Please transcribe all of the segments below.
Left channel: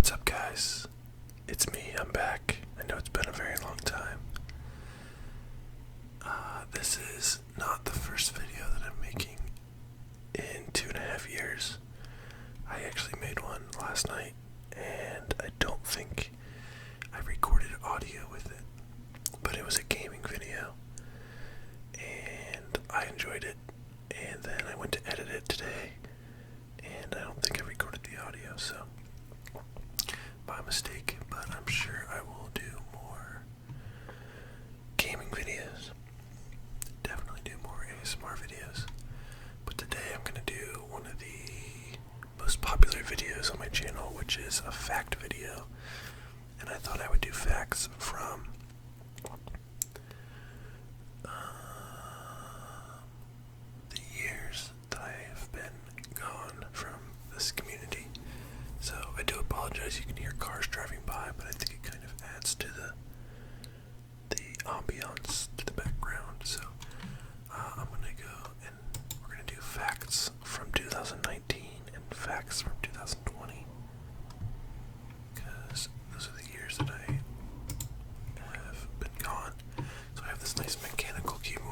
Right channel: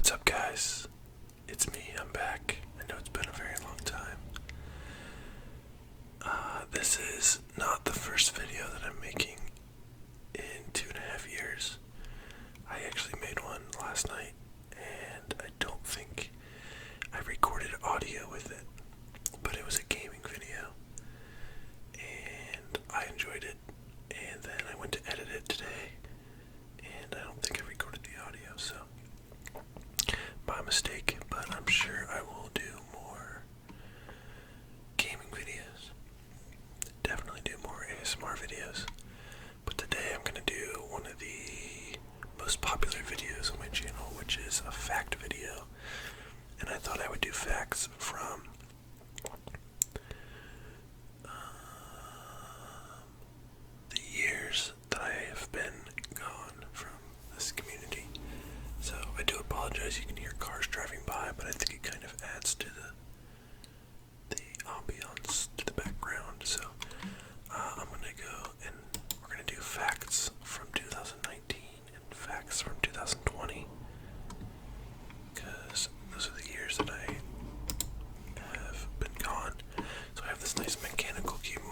What's up, guys? It's me, I'm back. I know it's been a very long time. This is not the first video that I'm making in 2.5 years. I actually made one last night, and I don't think I recorded audio with it, but it was a gaming video, and I enjoyed it, and then I went to edit it today, and I don't think I recorded the audio, so my mistake, but I'm sure I will do more gaming videos. Definitely do more ASMR videos. But today I'm going to do one of the most popular videos on my channel, which is a fact video. And I thought I would do facts from the years that I have been gone from this community. So I do apologize, you can hear cars driving by, but I think it kind of adds to the ambiance, to the background. So I'm going to go and we're going to do facts from 2019 and facts from 2020, because those are the years that I have been gone. So I have this nice mechanical keyboard.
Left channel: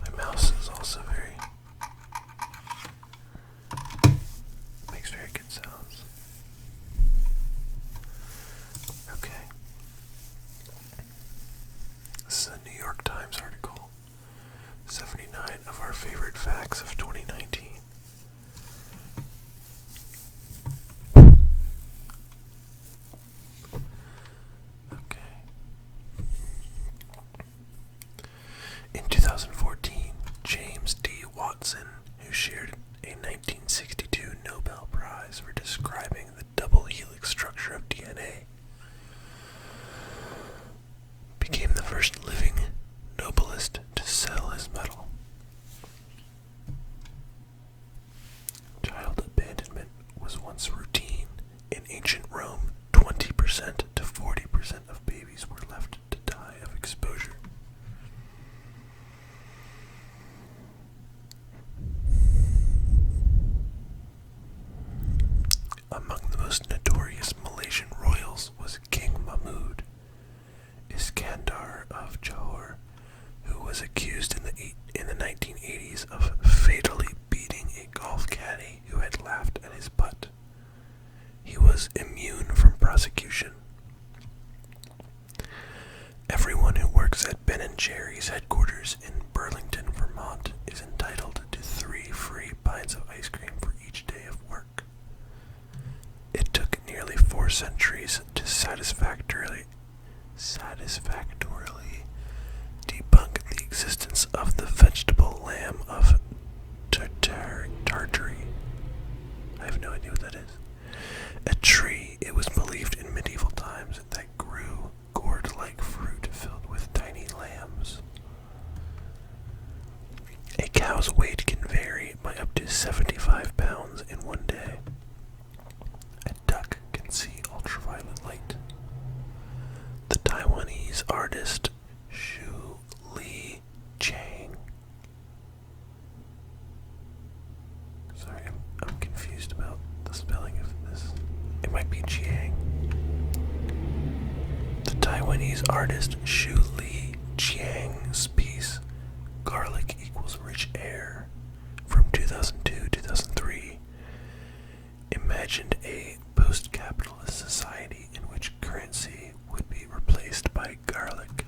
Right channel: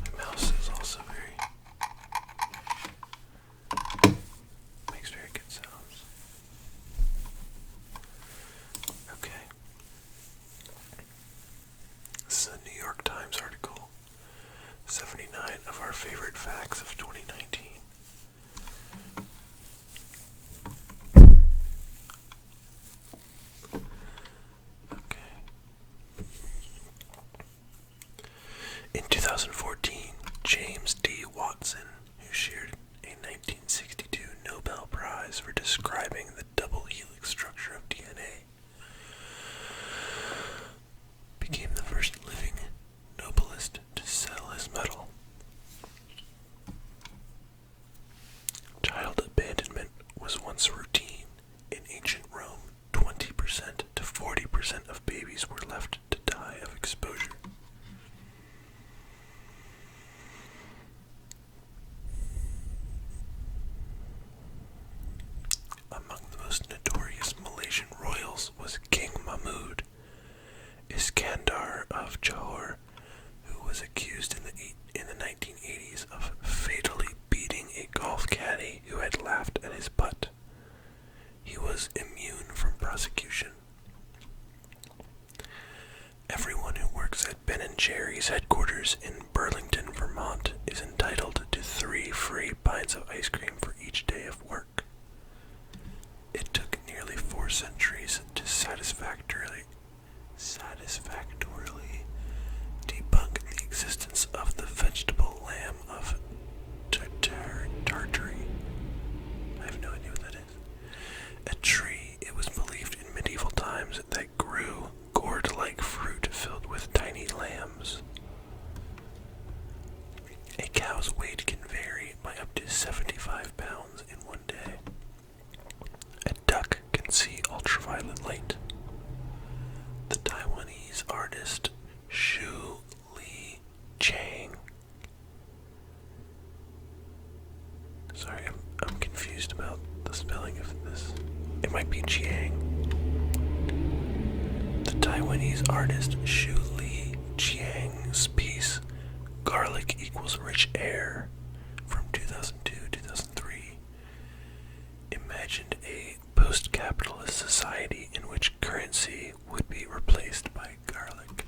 My mouse is also makes very good sounds. Okay. This is a New York Times article. 79 of our favorite facts of 2019. Okay. In 2014, James D. Watson, who shared a 1962 Nobel Prize for describing the double helix structure of DNA, became the first living Nobelist to sell his medal. Child abandonment was once routine. In ancient Rome, 20% to 40% of babies were left to die of exposure. Among the most notorious Malaysian royals was King Mahmud Iskandar of Johor, who was accused in the 1980s of fatally beating a golf caddy who had laughed at his putt. He was immune from prosecution. Everyone who works at Ben & Jerry's headquarters in Burlington, Vermont is entitled to 3 free pints of ice cream for each day of work. It took nearly 4 centuries to satisfactorily debunk the existence of the vegetable lamb of Tartary. I have no idea what that is. A tree, it was believed in medieval times, that grew gourd-like fruit filled with tiny lambs. A cow's weight can vary by up to 75 pounds in one day. A duck can see ultraviolet light. The Taiwanese artist Shu Li Chang. Sorry, I'm confused about the spelling of this. It might be Chiang. The Taiwanese artist Shu Li Chiang's piece, Garlic Equals Rich Air, from 2002-2003, imagined a post-capitalist society in which currency would be replaced by garlic.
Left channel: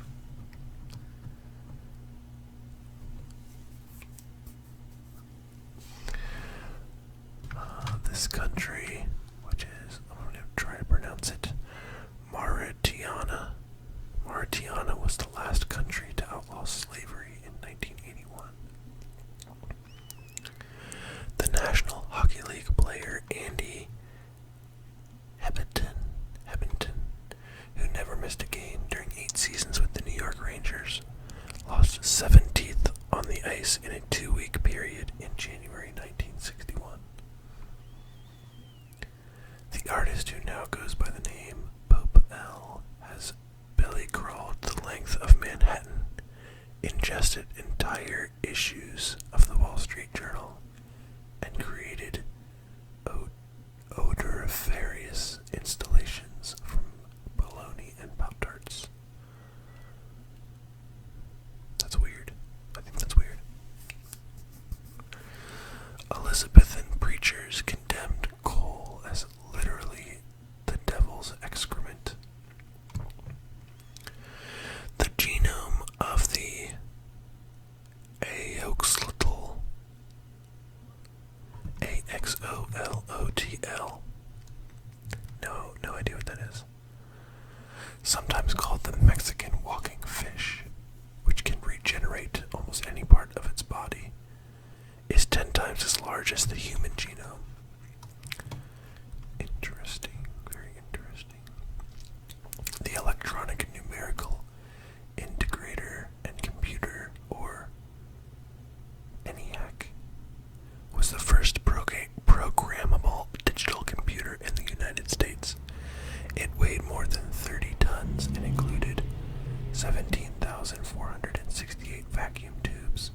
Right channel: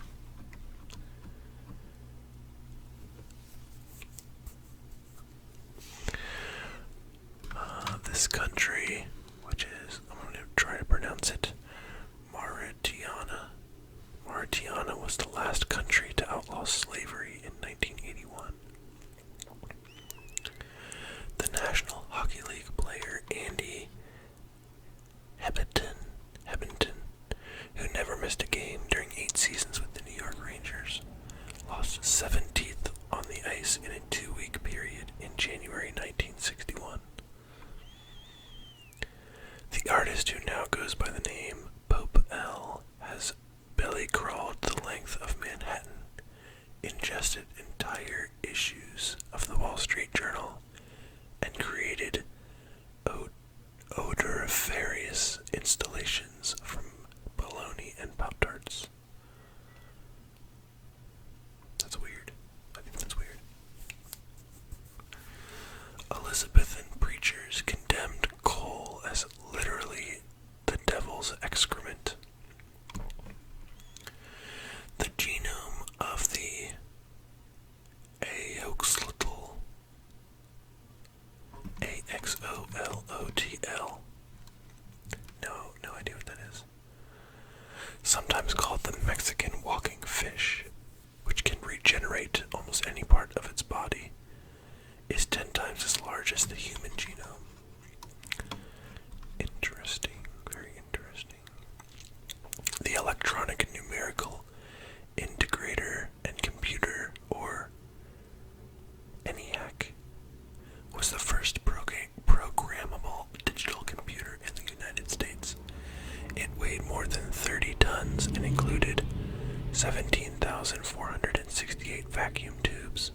This country, which is, I'm going to try to pronounce it, Mauritania. Mauritania was the last country to outlaw slavery in 1981. The National Hockey League player Andy Hebington, who never missed a game during 8 seasons with the New York Rangers, lost 7 teeth on the ice in a 2-week period in January 1961. The artist, who now goes by the name Pope L, has belly crawled the length of Manhattan, ingested entire issues of the Wall Street Journal, and created odoriferous installations from bologna and Pop-Tarts. That's weird. I think that's weird. Elizabethan preachers condemned coal as literally the devil's excrement. The genome of the Axolotl, Axolotl, no idea what that is, sometimes called the Mexican walking fish, which can regenerate almost any part of its body, is 10 times as large as the human genome. Interesting, very interesting. The electronic numerical integrator and computer, or ENIAC, was the first programmable digital computer in the United States. It weighed more than 30 tons and included 17,468 vacuum tubes.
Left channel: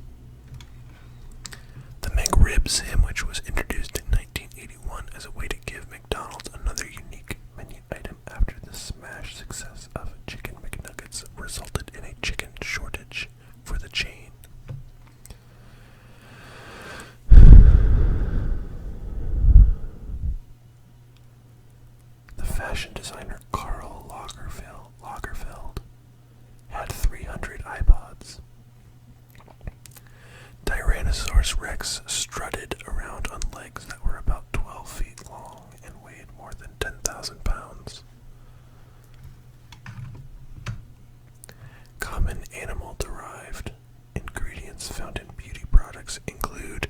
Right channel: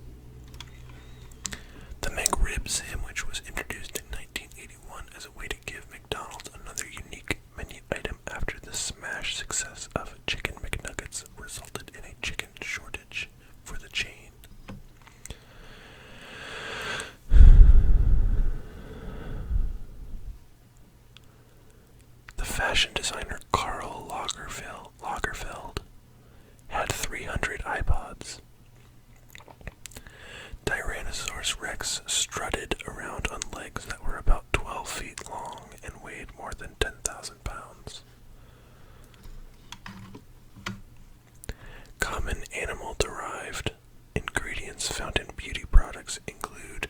The McRib sandwich was introduced in 1981 as a way to give McDonald's another unique menu item after the smash success of Chicken McNuggets resulted in a chicken shortage for the chain. The fashion designer Karl Lagerfeld had 300 iPods. Tyrannosaurus Rex strutted around on legs that were about 12 feet long and weighed more than 10,000 pounds. Common animal-derived ingredients found in beauty products include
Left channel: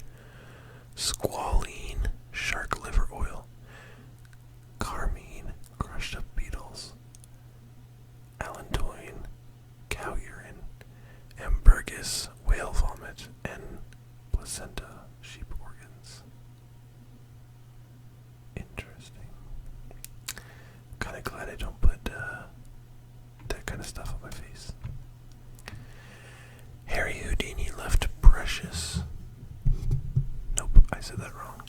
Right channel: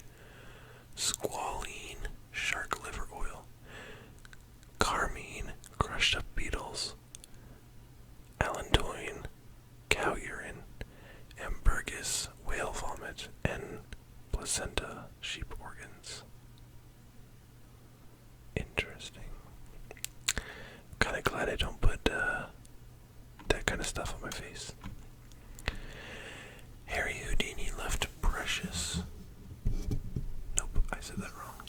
squalene, shark liver oil, carmine, crushed up beetles, allantoin, cow urine, ambergris, whale vomit, and placenta, sheep organs. Interesting. Kinda glad I don't put that kind of stuff on my face. Harry Houdini left precious. Nope, I said that wrong.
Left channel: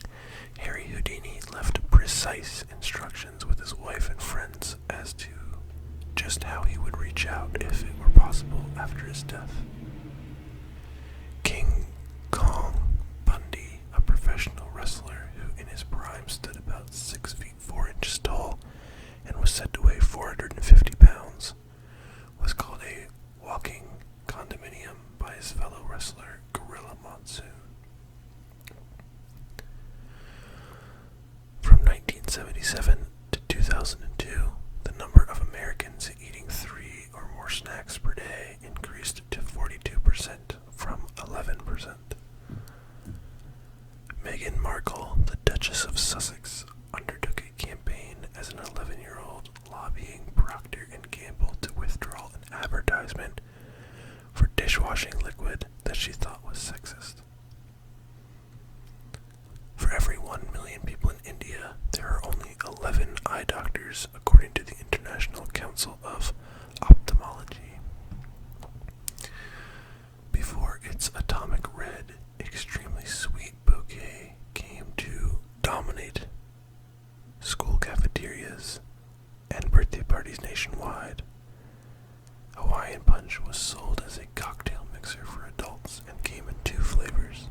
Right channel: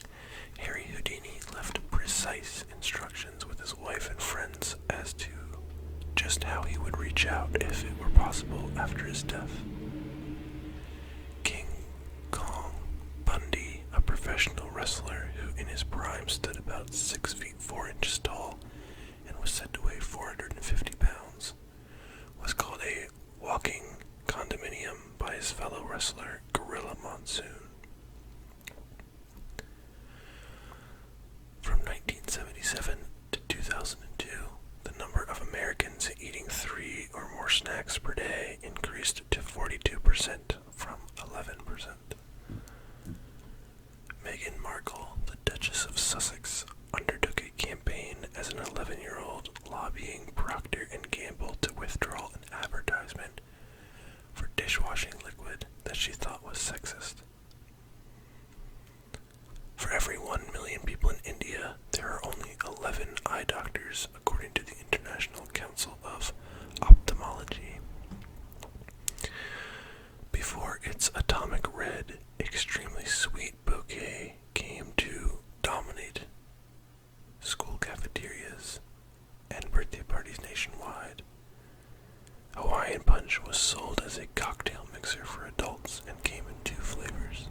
Harry Houdini left precise instructions with his wife and friends as to just how he would reach out if it were possible after his death. King Kong Bundy, a professional wrestler who in his prime stood about 6 feet 4 inches tall and was said to weigh 450 pounds, was called a walking condominium by his fellow wrestler Gorilla Monsoon. From 1977 to 2002, the number of Americans eating 3 or more snacks per day increased to 42% from 11%. Meghan Markle, the Duchess of Sussex, undertook a campaign as an 11-year-old lobbying Procter & Gamble to withdraw an advertisement for dishwashing liquid that she thought was sexist. For every 1 million people in India, there are only 11 eye doctors, according to the International Council of Ophthalmology. Before its atomic red, extremely sweet bouquet came to dominate school cafeterias and birthday parties nationwide, Hawaiian Punch was sold as a cocktail mixer for adults and came in 2 flavors.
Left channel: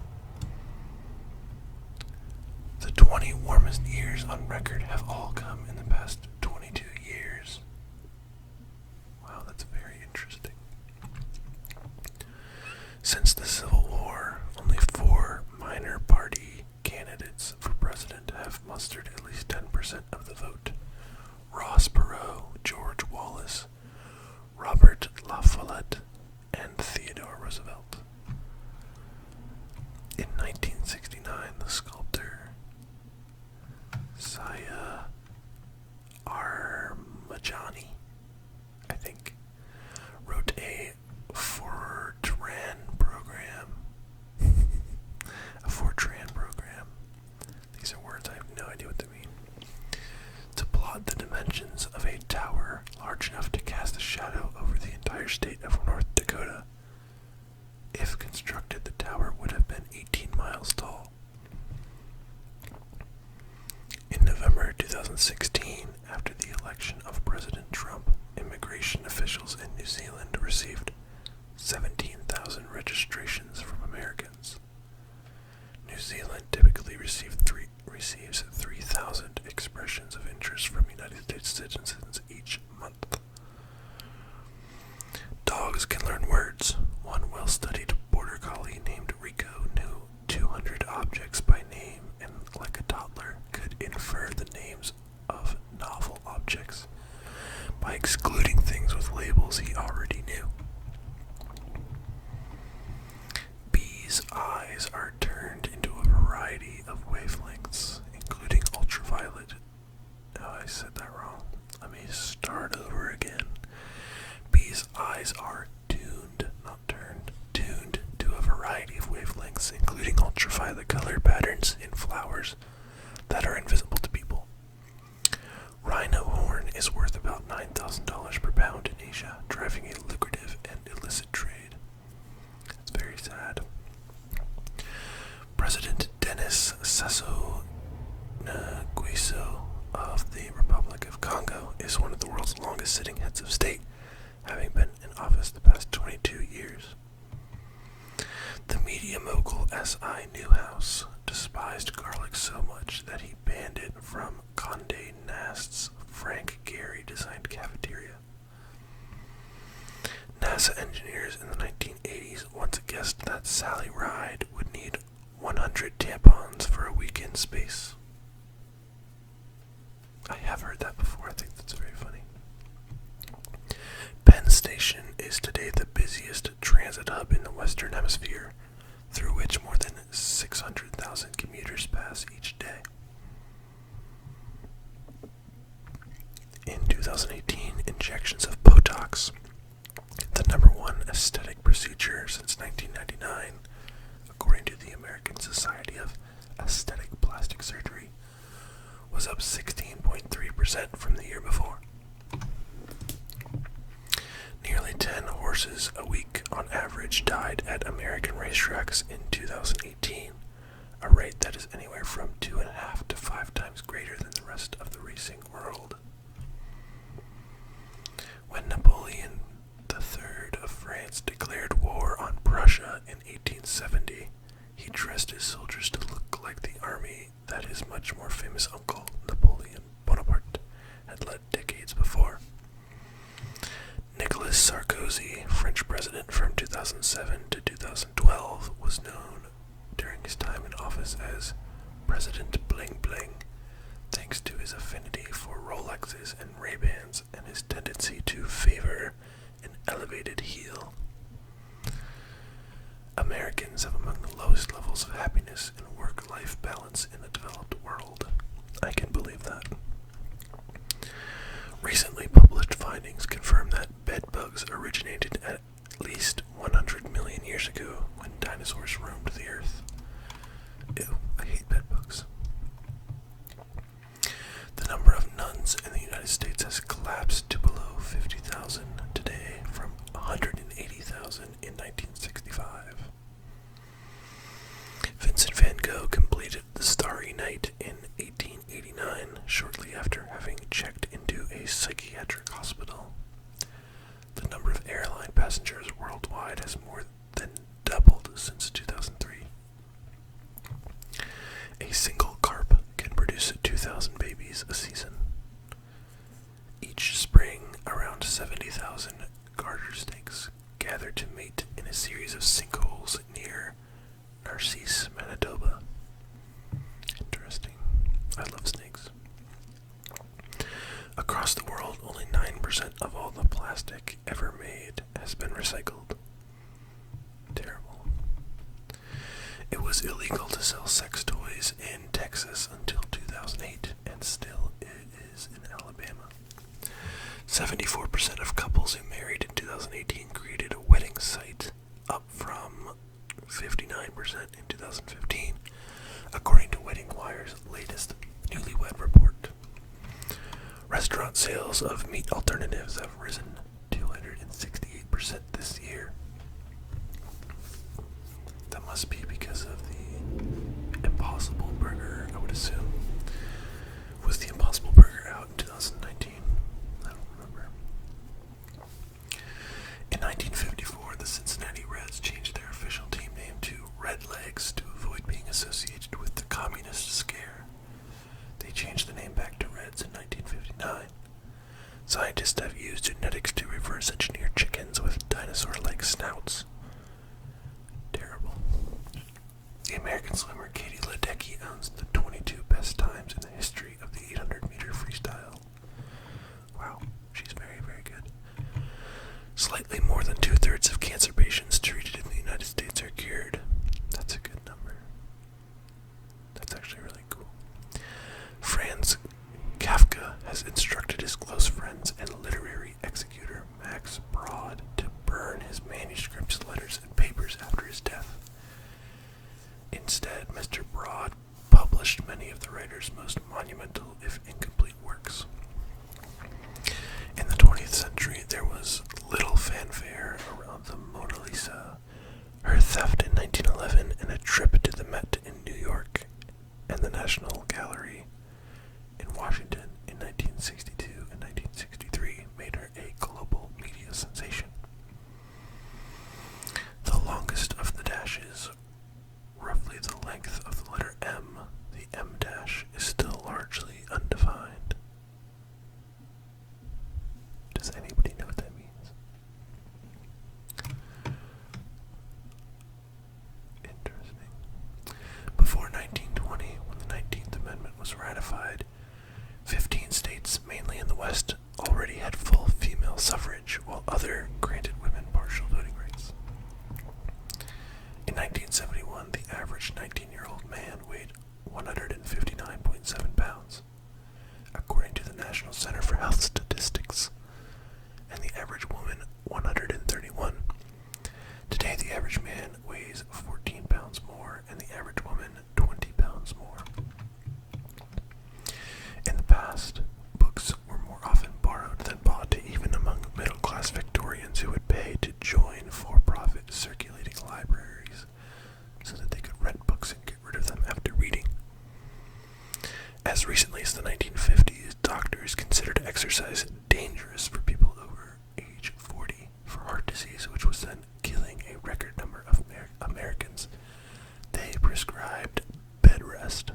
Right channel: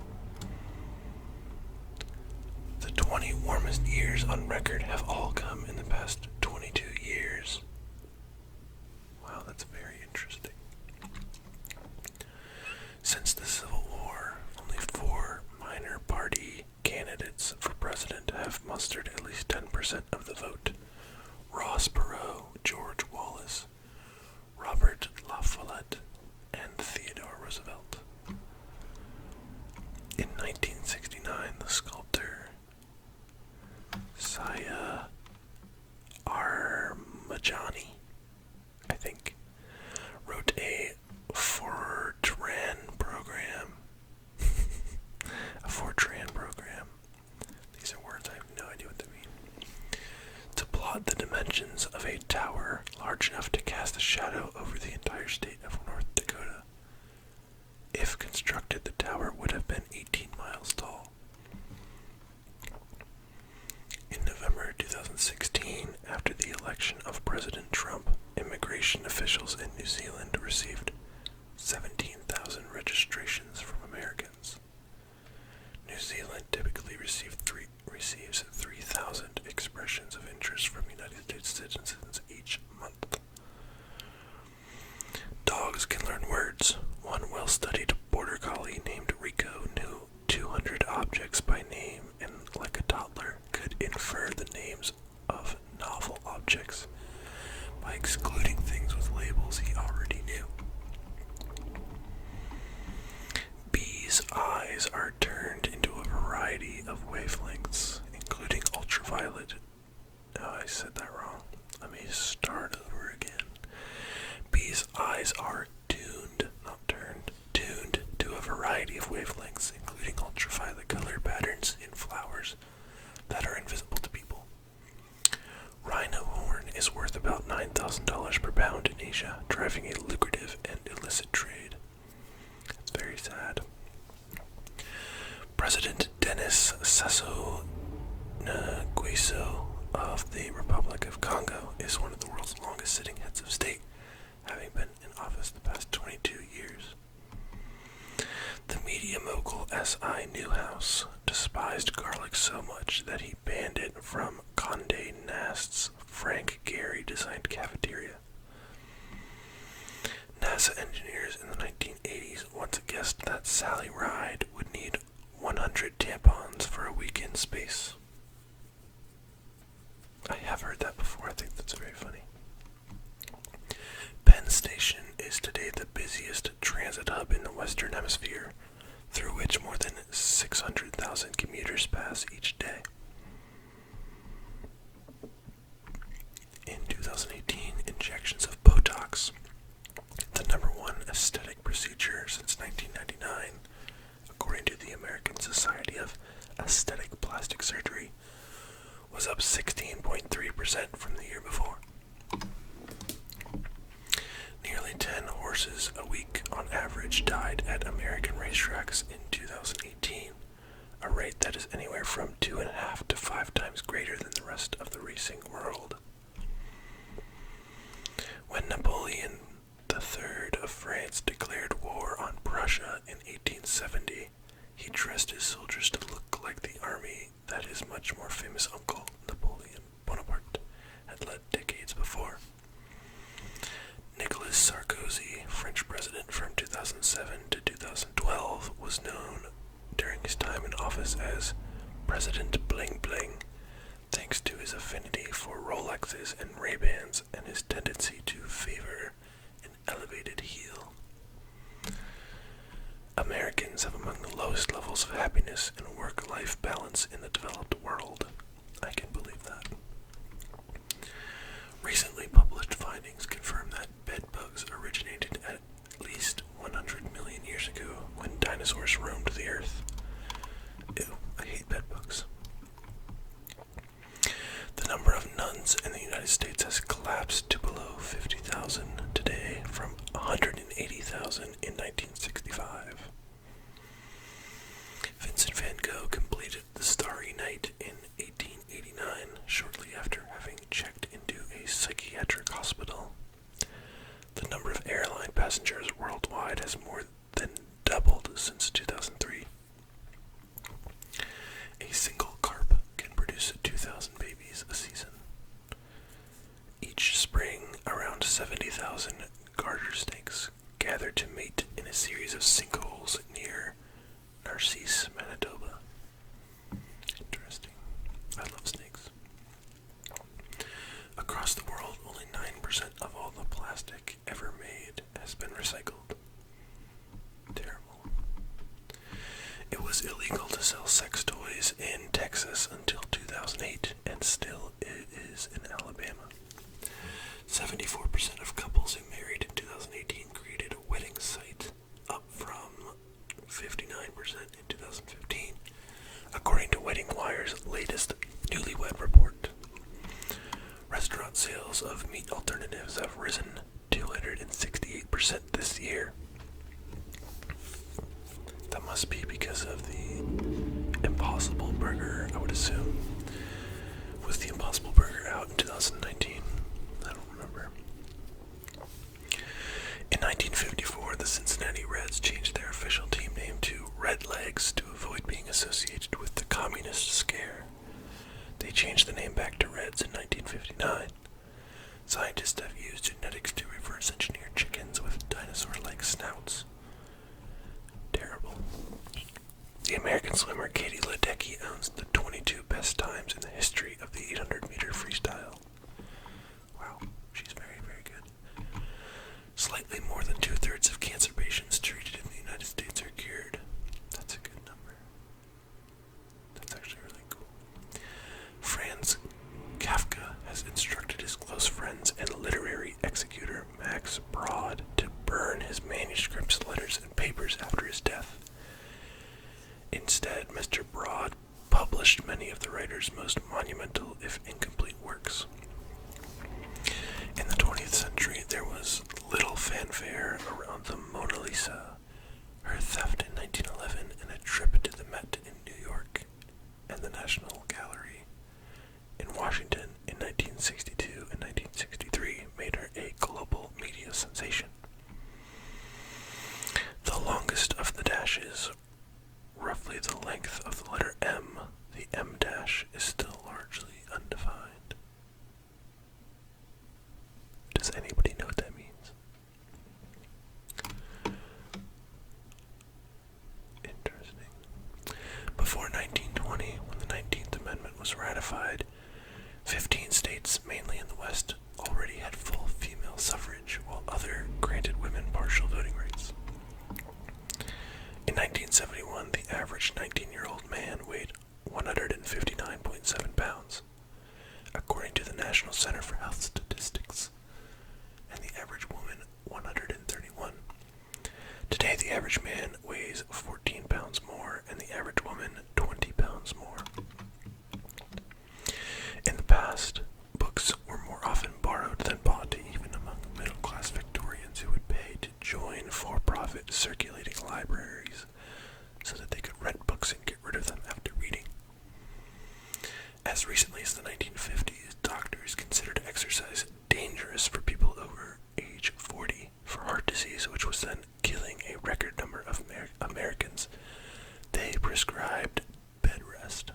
The 20 warmest years on record have all come in the past 22 years. Wow, that's very interesting. Since the Civil War, only 4 minor party candidates for president have mustered at least 10% of the vote. Ross Perot, George Wallace, Robert La Follette, and Theodore Roosevelt. In 1969, the sculptor Saya Armajani, I think, wrote a Fortran program Dakota. If constructed, the tower would have been 18 miles tall. In November 2016, after the election of President Trump, immigration officials in New Zealand received 17,000 registrations from Americans. New Zealand typically receives 3,000 expressions of interest from United States citizens each month. Dogs can learn words. One well-studied border collie named Rico knew 200 objects by name and, like a toddler, could infer the names of novel objects by excluding things with labels he already knew. Bees' eyes are turned into a variety of wavelengths, including ultraviolet. Oh, I said that wrong. Let me start over again. Bees' eyes are tuned, not turned, tuned to a variety of wavelengths, including ultraviolet color patterns in flowers that are invisible to people. Rhino horn is worth about $9,000 per pound in Asia, driving a lucrative and illicit trade. It's very sad. President Denis Sassou Nguesso of the Republic of Congo is one of the world's longest-sitting heads of state, having been in office the past 22 years. The media mogul S.I. Newhouse despised garlic so much that he banned it from Condé Nast's Frank Gehry-designed cafeteria. NASA engineers in the 1980s once guessed that Sally Ride would need 100 tampons for a week in space. I have heard that before. I think that's very funny. Penn Station is today the busiest transit hub in the Western Hemisphere, through which more than 600,000 commuters pass each day. In 2018, injections of Botox, the number one aesthetic procedure since 1999, according to the American Society of Aesthetic Plastic Surgery, was up 16.3% from the year before. Nearly 10 horses a week on average died at American racetracks in 2018, a rate that is anywhere from 2.5 to 5 times greater than the rest of the racing world. When Napoleon III of France declared war on Prussia in 1870, he dressed his soldiers to look like the army that his much more famous uncle, Napoleon Bonaparte, had led decades before. Nicolas Sarkozy, French president from 2007 to 2012, was known during his time in office as President Bling Bling, thanks to his affinity for Rolexes and Ray-Bans and his tendency to favor an elevated heel. Americans have among the lowest levels of happiness and work-life balance in the developed world. I can believe that. Recently published findings confirm that bedbugs originated at least 100 million years ago when dinosaurs roamed the earth. Ew, I hate bedbugs. The number of nuns in the United States has collapsed to below 50,000 today from 180,000 in 1965. Vincent van Gogh completed The Starry Night in 1889, shortly after having checked into a psychiatric hospital. The number of airline passengers worldwide has more than doubled since 2003. A single carp can produce 2,000 babies a season. Each spring, around 70,000 garter snakes gather to mate in a series of sinkholes near Narcisse, Manitoba. Interesting. I love snakes. Across the world, only 9% of all the plastic ever made has been recycled. Terrible. It was illegal to sell sex toys in Texas until 2008, and still it is in Alabama. 74% of couples who married in 2018 created a wedding site, up from 59% in 2015, according to Wedding Wire's latest Newlywed Report. Restaurant sales of meat alternatives have risen 268% this year, must be because of the Impossible Burger, I would assume. Was the Impossible Burger out in 2019? I don't remember. In 1954, the Cincinnati Reds changed their official team name to Red Legs to avoid being associated with the communist scare. They changed the name back to Reds in 1959. Scientists have used genetics to reverse engineer chickens with dinosaur-like snouts. Terrible. The American swimmer Katie Ledecky owns the 22 best times in the history of the 800-meter freestyle. Wow, she's very, very good. Slightly more than 2/3 of cancer patients treated in the United States are cured. That's a good number. That's actually really cool. Franz Kafka has instructed his close friends and literary executor Max Brod to burn his manuscripts, letters, and papers after his death. Instead, Mr. Brod published many of the writer's most monumental, if incomplete, works. In the 20th century, there was little fanfare around the Mona Lisa, her theft in 1911, and a trip to the Met in New York, and the National Gallery in Washington in 1962 and 1963 made her a global media sensation. The longest of the dashes, roughly the length of the letter M, the M dash, is still largely undefined. Does anybody know what that means? Interesting. Before 1920, when the 19th Amendment was ratified, 15 states, mainly in the West, already had full female suffrage, while others granted women partial voting rights. In 1971, the average 19-year-old man weighed 159.7 pounds, according to the National Center for Health Statistics, and the average woman 131. Today, the average man weighs 14 pounds more, and the average woman 20 pounds more. In the past, books were more often borrowed than bought, even among middle-class Victorians who would pay to join for-profit circulating libraries so that they could rent books and get rid of them after reading. As recently as the 1950s, doctors considered exercise dangerous for people over age 40 for heart disease, which was then killing a record number of Americans. They prescribed bed rest.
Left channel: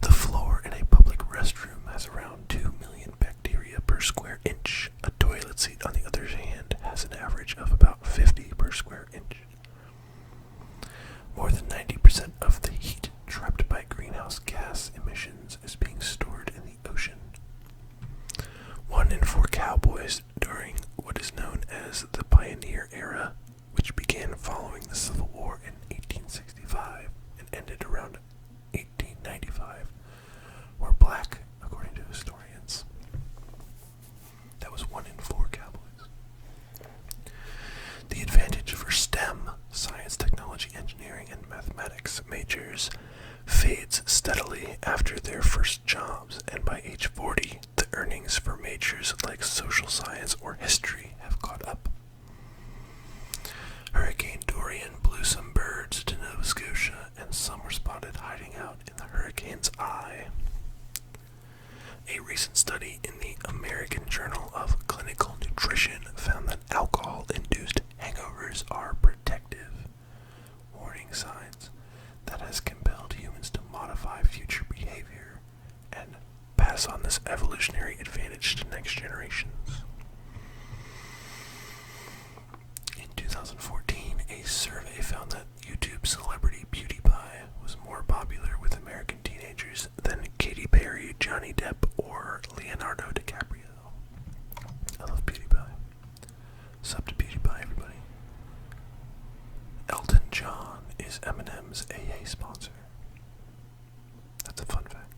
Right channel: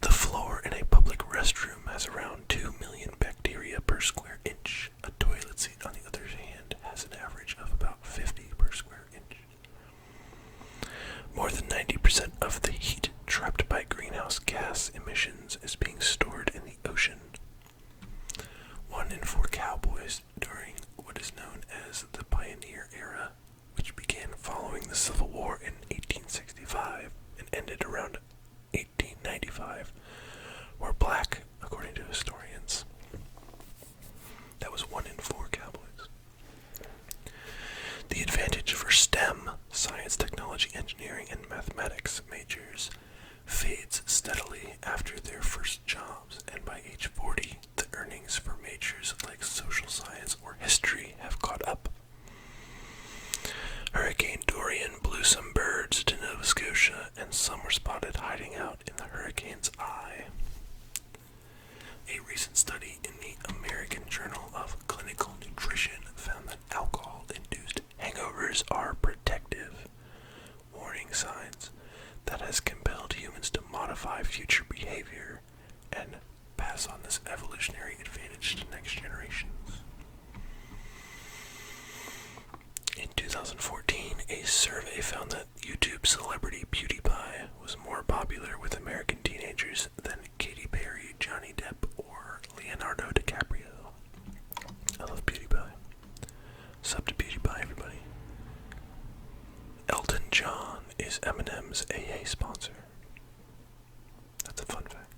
The floor in a public restroom has around 2 million bacteria per square inch. A toilet seat, on the other hand, has an average of about 50 per square inch. More than 90% of the heat trapped by greenhouse gas emissions is being stored in the ocean. 1 in 4 cowboys during what is known as the Pioneer Era, which began following the Civil War in 1865 and ended around 1895, were black, according to historians. That was 1 in 4 cowboys. The advantage for STEM, science, technology, engineering, and mathematics majors, fades steadily after their first jobs, and by age 40, the earnings for majors like social science or history have caught up. Hurricane Dorian blew some birds to Nova Scotia, and some were spotted hiding out in the hurricane's eye. A recent study in the American Journal of Clinical Nutrition found that alcohol-induced hangovers are protective, warning signs that has compelled humans to modify future behavior and pass on this evolutionary advantage to next generations. In 2014, a survey found that YouTube celebrity PewDiePie was more popular with American teenagers than Katy Perry, Johnny Depp, or Leonardo DiCaprio. I love PewDiePie. Sub to PewDiePie, everybody. Elton John is Eminem's AA sponsor. That's a fun fact.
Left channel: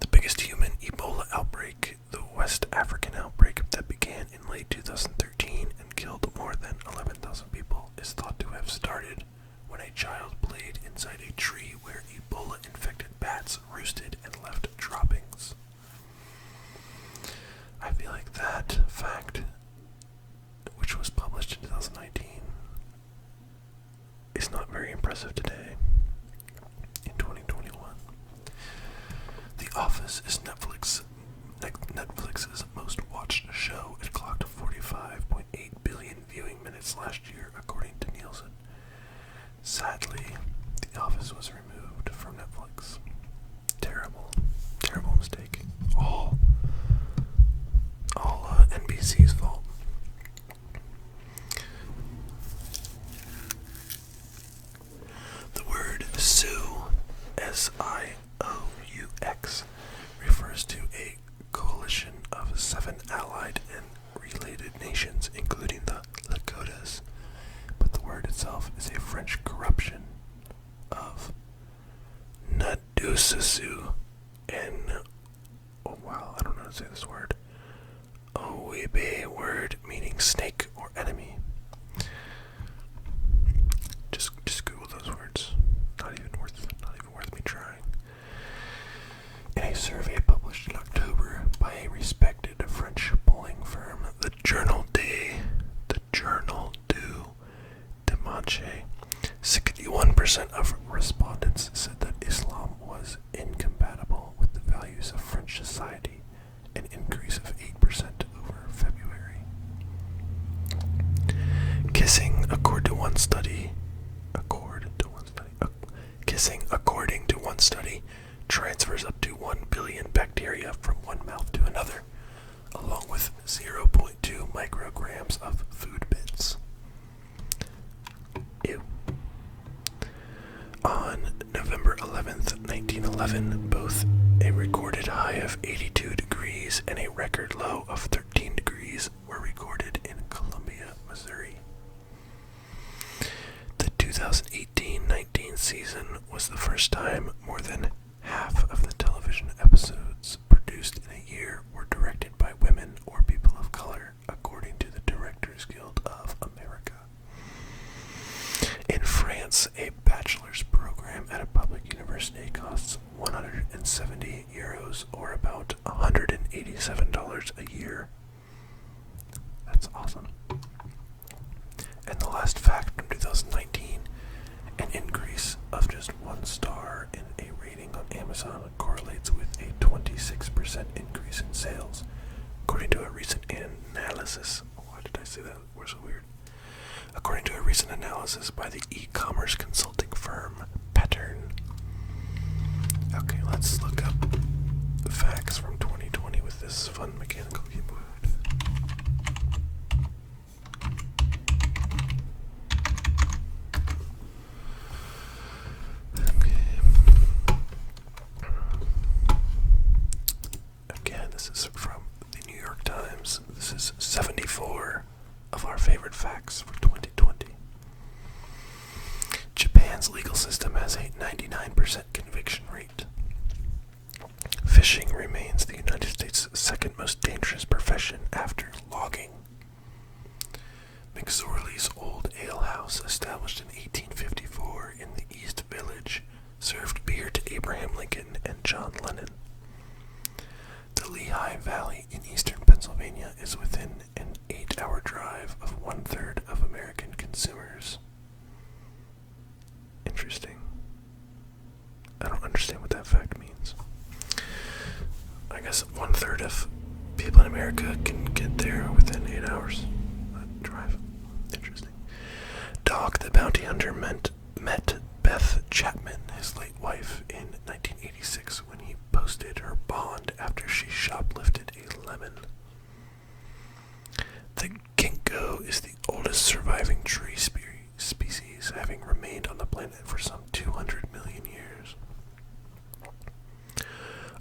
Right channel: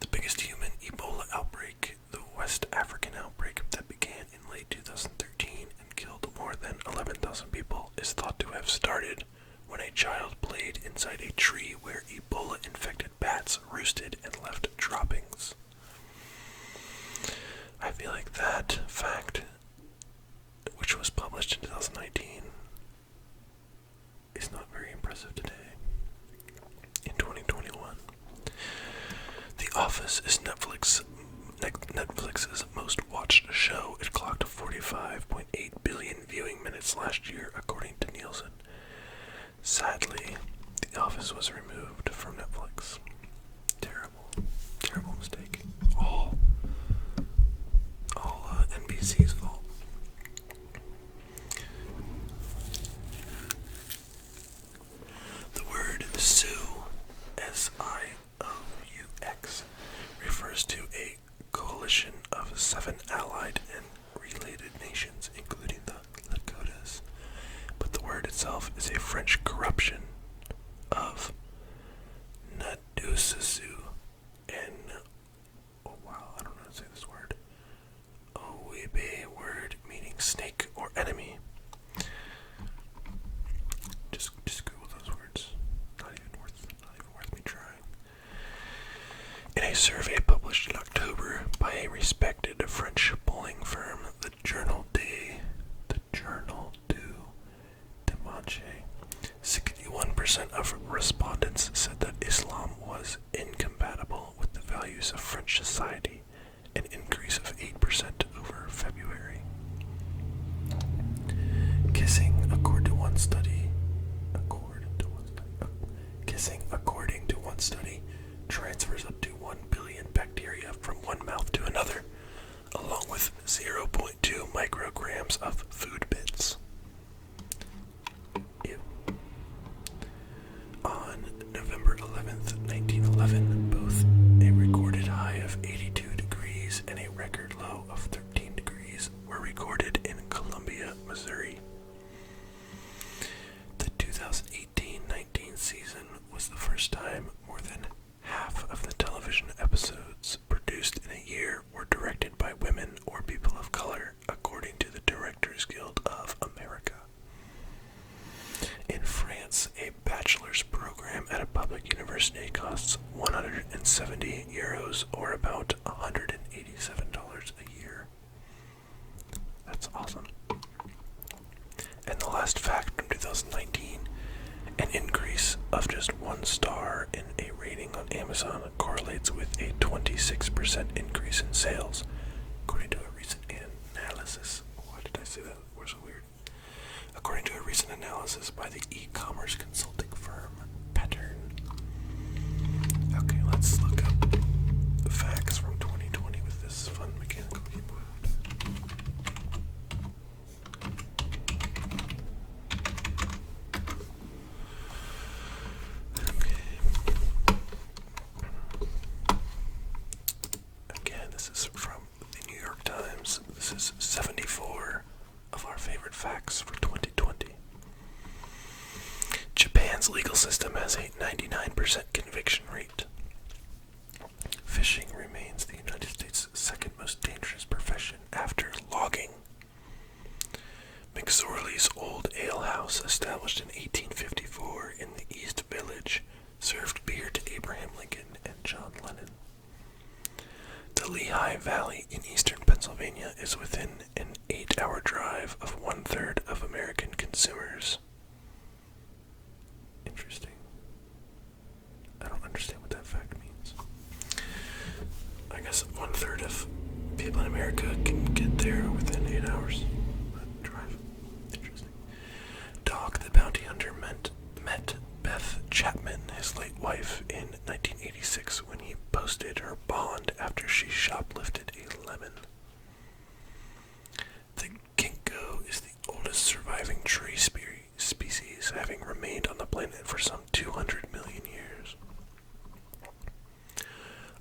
The biggest human Ebola outbreak, the West African outbreak that began in late 2013 and killed more than 11,000 people, is thought to have started when a child played inside a tree where Ebola-infected bats roosted and left droppings. I feel like that fact, which was published in 2019, months last year, according to Nielsen. Sadly, The Office was removed from Netflix. Terrible, terrible mistake. All NBC's fault. The word Sioux, S-I-O-U-X, refers to a coalition of 7 allied and related nations, including the Lakotas, but the word itself is a French corruption of Nadusasu and, oh wow, I don't know how to say this word, Oibe word meaning snake or enemy. Just Google those words. Not even worth me trying. In a survey published in October by a respected French polling firm, the Journal du Dimanche, 61% of respondents said that Islam was incompatible with the values of French society, an increase of 8% over February. Kissing, according to one study, transfers up to 1 billion bacteria from one mouth to another, along with 0.2 micrograms of food bits. Ew. On November 11th, 1911, both a recorded high of 82 degrees and a record low of 13 degrees were recorded in Columbia, Missouri. The 2018-19 season was the first time more than half of the television episodes produced in a year were directed by women or people of color, according to the Directors Guild of America. In France, a bachelor's program at a public university costs 170 euros, or about $187 a year. That's awesome. And the last fact from 2019, an increase of just 1 star in a rating on Amazon correlates with a 26% increase in sales, according to a recent analysis. Why did I say that? We're so weird. According to a recent analysis by the e-commerce consulting firm Pattern. Okay, let's look up the facts from 2020 with this fun mechanical keyboard. This is from the New York Times. This is 74 of our favorite facts for 2020. Japan's legal system has a 99% conviction rate. Fishing remains the United States' second most dangerous profession after logging. McSorley's Old Ale House, established in 1854 in the East Village, served beer to Abraham Lincoln and John Lennon. The Lehigh Valley in eastern Pennsylvania is within an 8-hour drive of 1/3 of American consumers. Interesting. I don't understand what that fact means. I guess 1/3 of people in America can get there within 8 hours. Drive. Interesting. Dog the Bounty Hunter met Beth Chapman, his late wife, in 1986 when he posted her bond after she shoplifted a lemon. The ginkgo is the oldest surviving tree species, having remained on the planet for some 200 million years.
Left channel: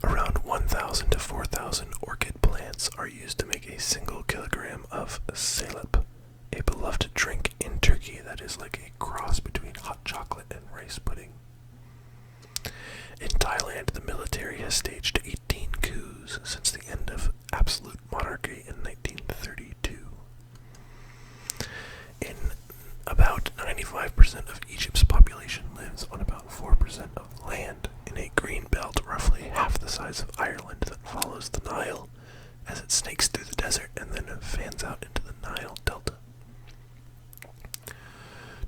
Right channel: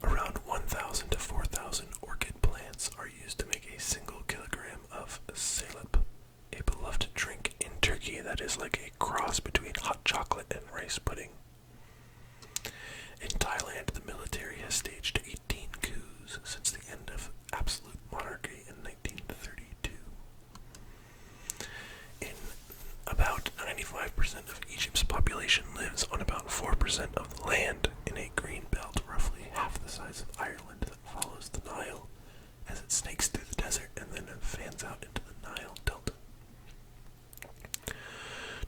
Around 1,000 to 4,000 orchid plants are used to make a single kilogram of salep, a beloved drink in Turkey that is like a cross between hot chocolate and rice pudding. In Thailand, the military has staged 18 coups since the end of absolute monarchy in 1932. In about 95% of Egypt's population lives on about 4% of the land in a green belt roughly half the size of Ireland that follows the Nile as it snakes through the desert and then fans out into the Nile Delta.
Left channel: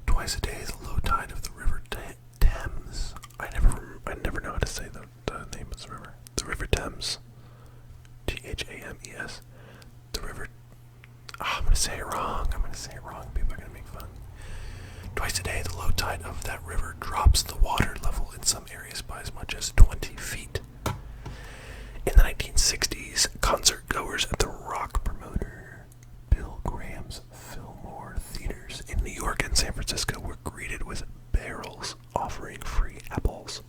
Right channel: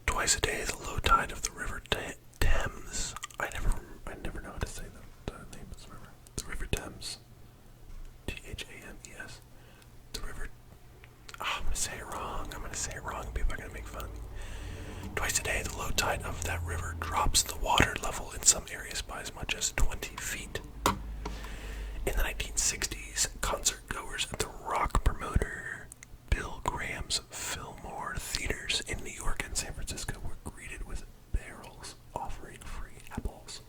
Twice a day, the low tide of the River Thames. I never know how to say the name of the river. The River Thames. Thames. The river. I'm gonna say it wrong. People are gonna make Twice a day, the low tide of that river drops the water level in some areas by as much as 20 feet. In the 1960s, concert goers at the rock promoter Bill Graham's Fillmore theaters in New York and San Francisco were greeted with barrels offering free apples.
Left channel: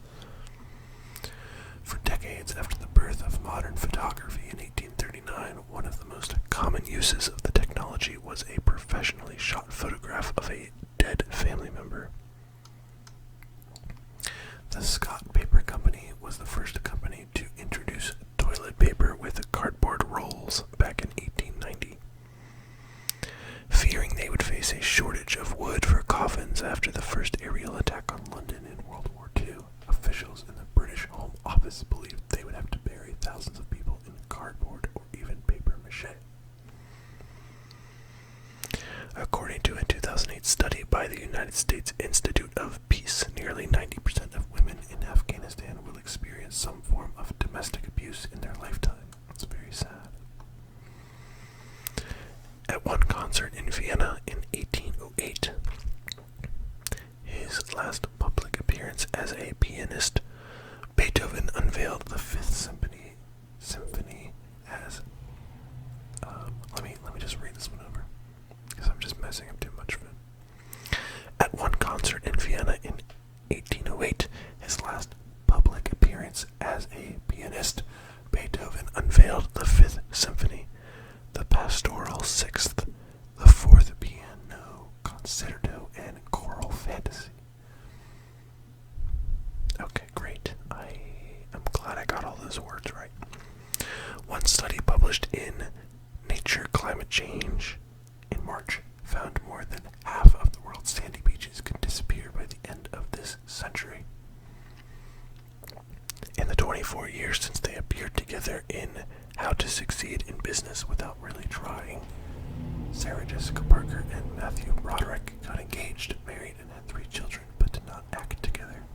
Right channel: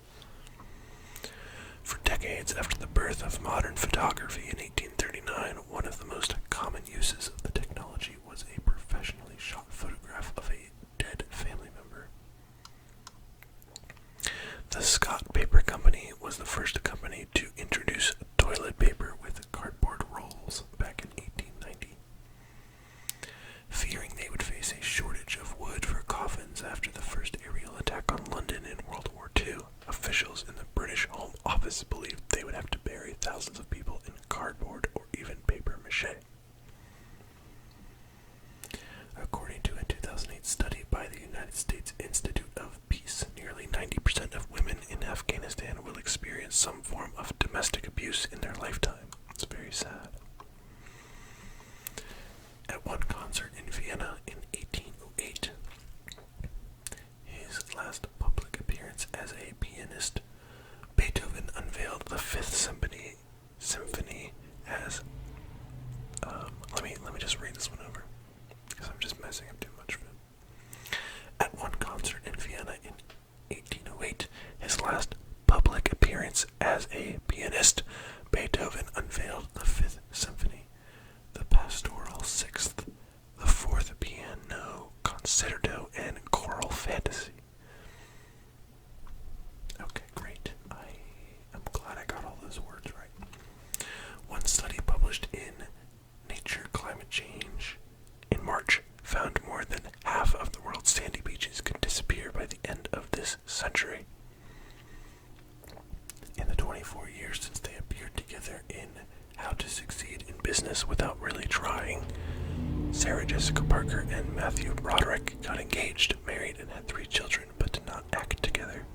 For decades after the birth of modern photography in 1839, one of the most common uses of the technology was a professionally shot photograph of a dead family member. The Scott Paper Company was the first company to introduce toilet paper with cardboard rolls back in 1890. Fearing they would face a shortage of wood for coffins after the first aerial attack on London in World War II, officials in the British Home Office believed they would have to bury thousands of people in cardboard or even paper mache. According to a 2008 study by the United States Institute of Peace, nearly 90% of women in Afghanistan will experience some form of domestic abuse in their lifetime. It's very sad. At one concert in Vienna in 1808, his last public appearance as a pianist, Beethoven unveiled the Fifth Symphony as let me just read this one over, because I'm just messing up too much of it. At one concert in Vienna in 1808, his last public appearance as a pianist, Beethoven unveiled the Fifth Symphony, the Pastoral Sixth, the Fourth Piano Concerto, and Choral Fantasy. Okay, great. I'm glad I got all those words right. One study published in Nature Climate Change in March found more than half of the world's sandy beaches could disappear by the end of this century. In the 24 years since they appeared together in How to Succeed in Business Without Really Trying, Sarah Jessica Parker and Matthew Broderick got engaged, married, and had 3 children, but did not act together.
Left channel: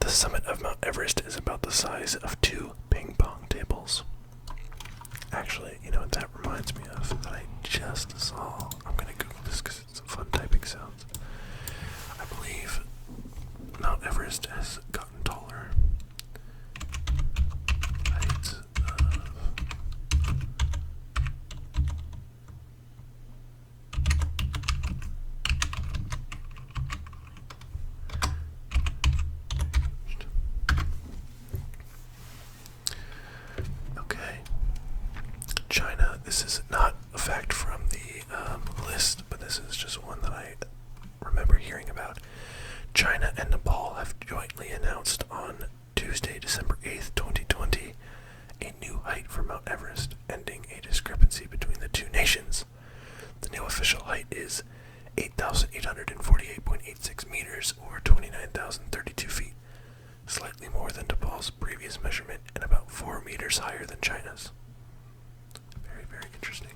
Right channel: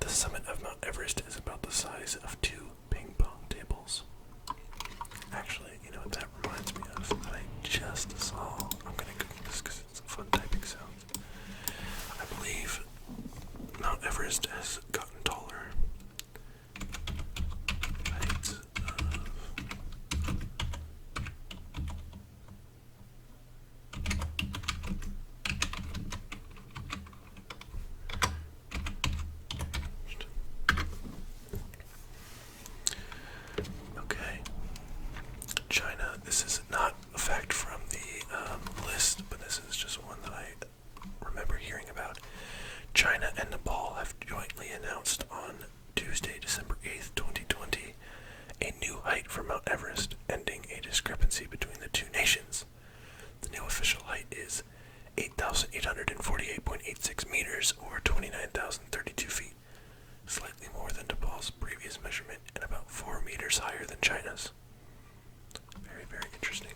The summit of Mount Everest is about the size of 2 ping pong tables. Actually, you know what that reminds me of that I just saw? I'm going to Google this because it's a fun typing sound. I believe Mount Everest has gotten taller. Height of Okay. China. This is not a fact from the list, but this is just one that I remember hearing about. China and Nepal have jointly announced on Tuesday, December 8th, 2020, a new height for Mount Everest, ending a discrepancy between the two nations. The new official height is 8,848.86 meters, or 29,032 feet, slightly more than Nepal's previous measurement and about 4 meters higher than China's. Very, very interesting.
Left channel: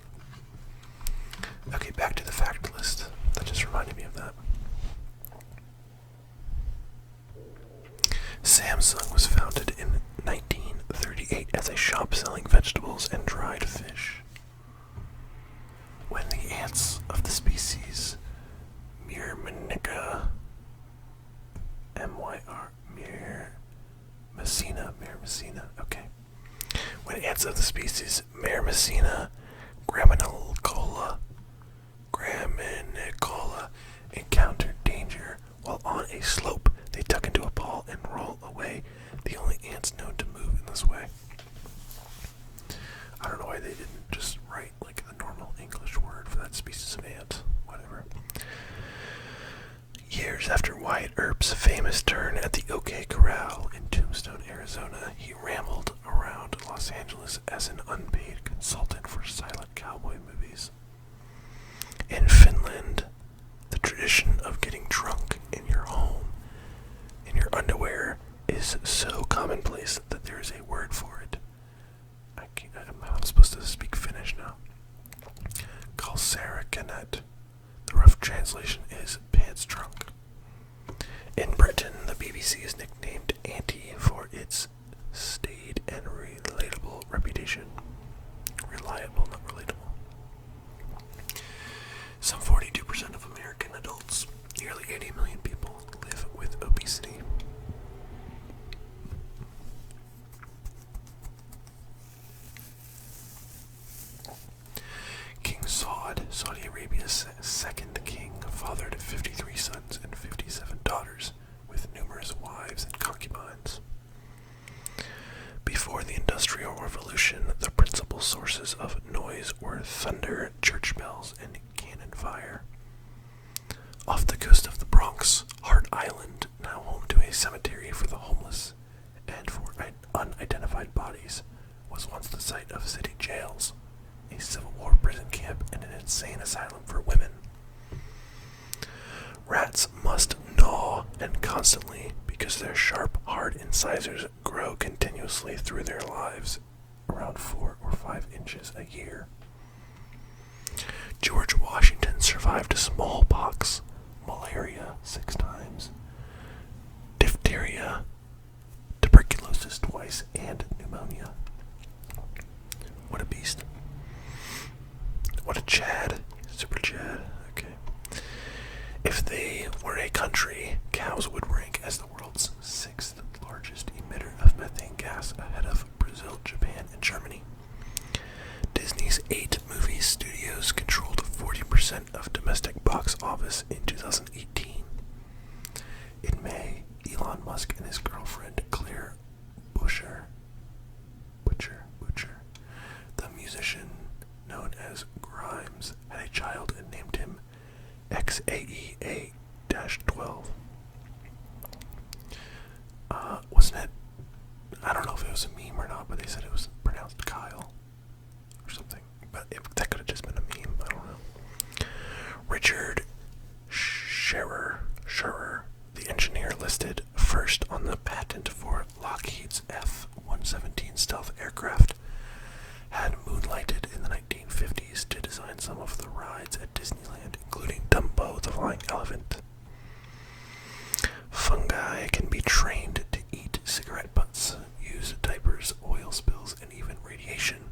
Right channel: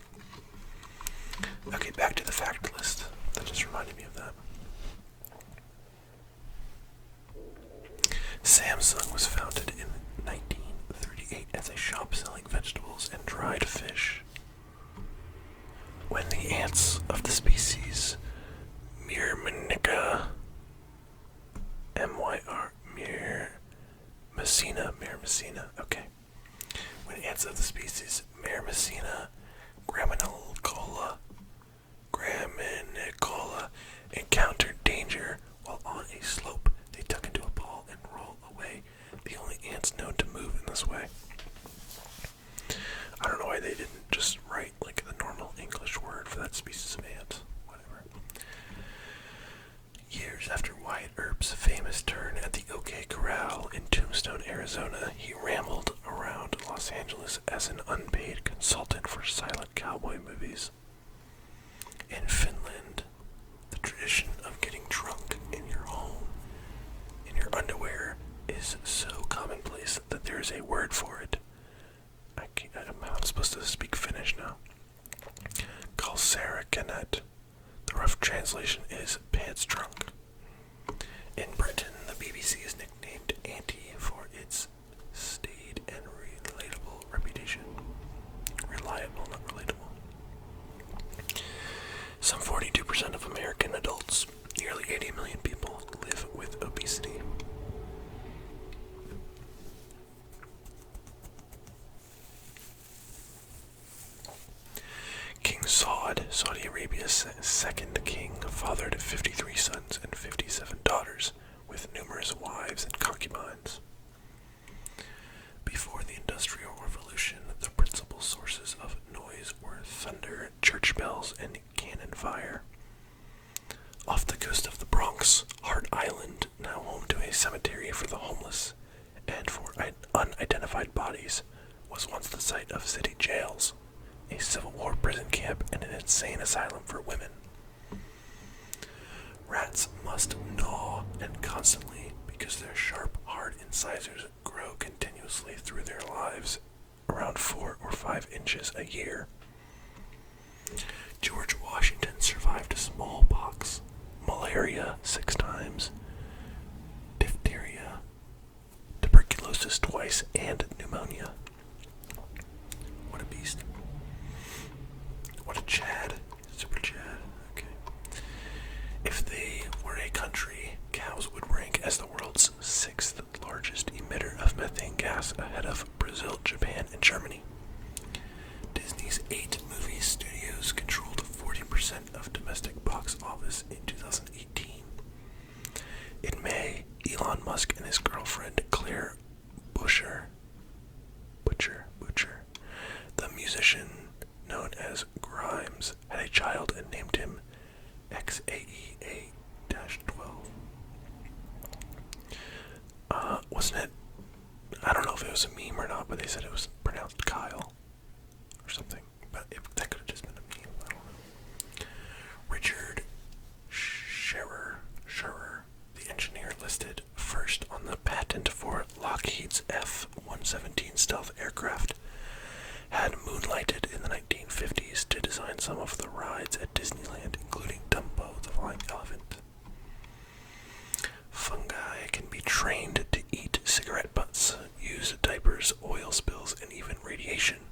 Okay, back to the fact list. That just reminded me of that. Samsung was founded in 1938 as a shop selling vegetables and dried fish. When the ants of the species Myrmeca, Myrmecina, okay. When ants of the species Myrmecina graminicola encountered danger while on a slope, they tuck into a ball and roll away, the only ants known to move in this way. I don't know why they didn't just write like the normal English word for that species of ant. Whatever. Years after Wyatt Earp's famous turn at the OK Corral in Tombstone, Arizona, he rambled around Los Angeles as an unpaid consultant for silent cowboy movies. In Finland, the tradition of getting drunk in your home, in your underwear, is so commonplace that there is a word for it. I'm supposed to speak Finnish now. Kalsarikanet. The rough translation is pants drunk. In Britain, the BBC is nicknamed Auntie for its staid and relatable reputation. Reliable, not relatable. Some 42% of American adults million people live with obesity. King Saud, Saudi Arabia's second king, fathered 53 sons and 57 daughters, with numerous wives and concubines. Before the Industrial Revolution, the principal sources of noise were thunder, church bells, and cannon fire. Off the coast of the Bronx, Hart Island, now home to a cemetery for the homeless and for unidentified bodies, was once the site of city jails, a Civil War prison camp, and an insane asylum for women. Rats must gnaw, and constantly, because their sharp, hard incisors grow continuously through their lives, around 4 or 5 inches a year. George Washington survived smallpox, malaria 6 times, diphtheria, tuberculosis twice, and pneumonia. What a beast. What a Chad. Super Chad. Okay. If they were a country, cows would rank as the world's 6th largest emitter of methane gas, ahead of Brazil, Japan, and Germany. Disney's 8 movie studios controlled 40% of domestic box office in 2018. In May, Elon Musk and his girlfriend Claire Butcher, the musician known as Grimes, had a child and named him XAEA-12. Wasn't it? I don't know if it was a meme or not, but they said it was pronounced Kyle or something. But that could have just been a meme. I don't know. Richard Scherer, the engineer listed first on the patent for Lockheed's F-117 stealth aircraft, had moonlighted in the 1950s to design some of the rides at Disneyland, including Dumbo, the flying elephant. Fungi can be trained to eat cigarette butts, use diapers, oil spills, and even radiation.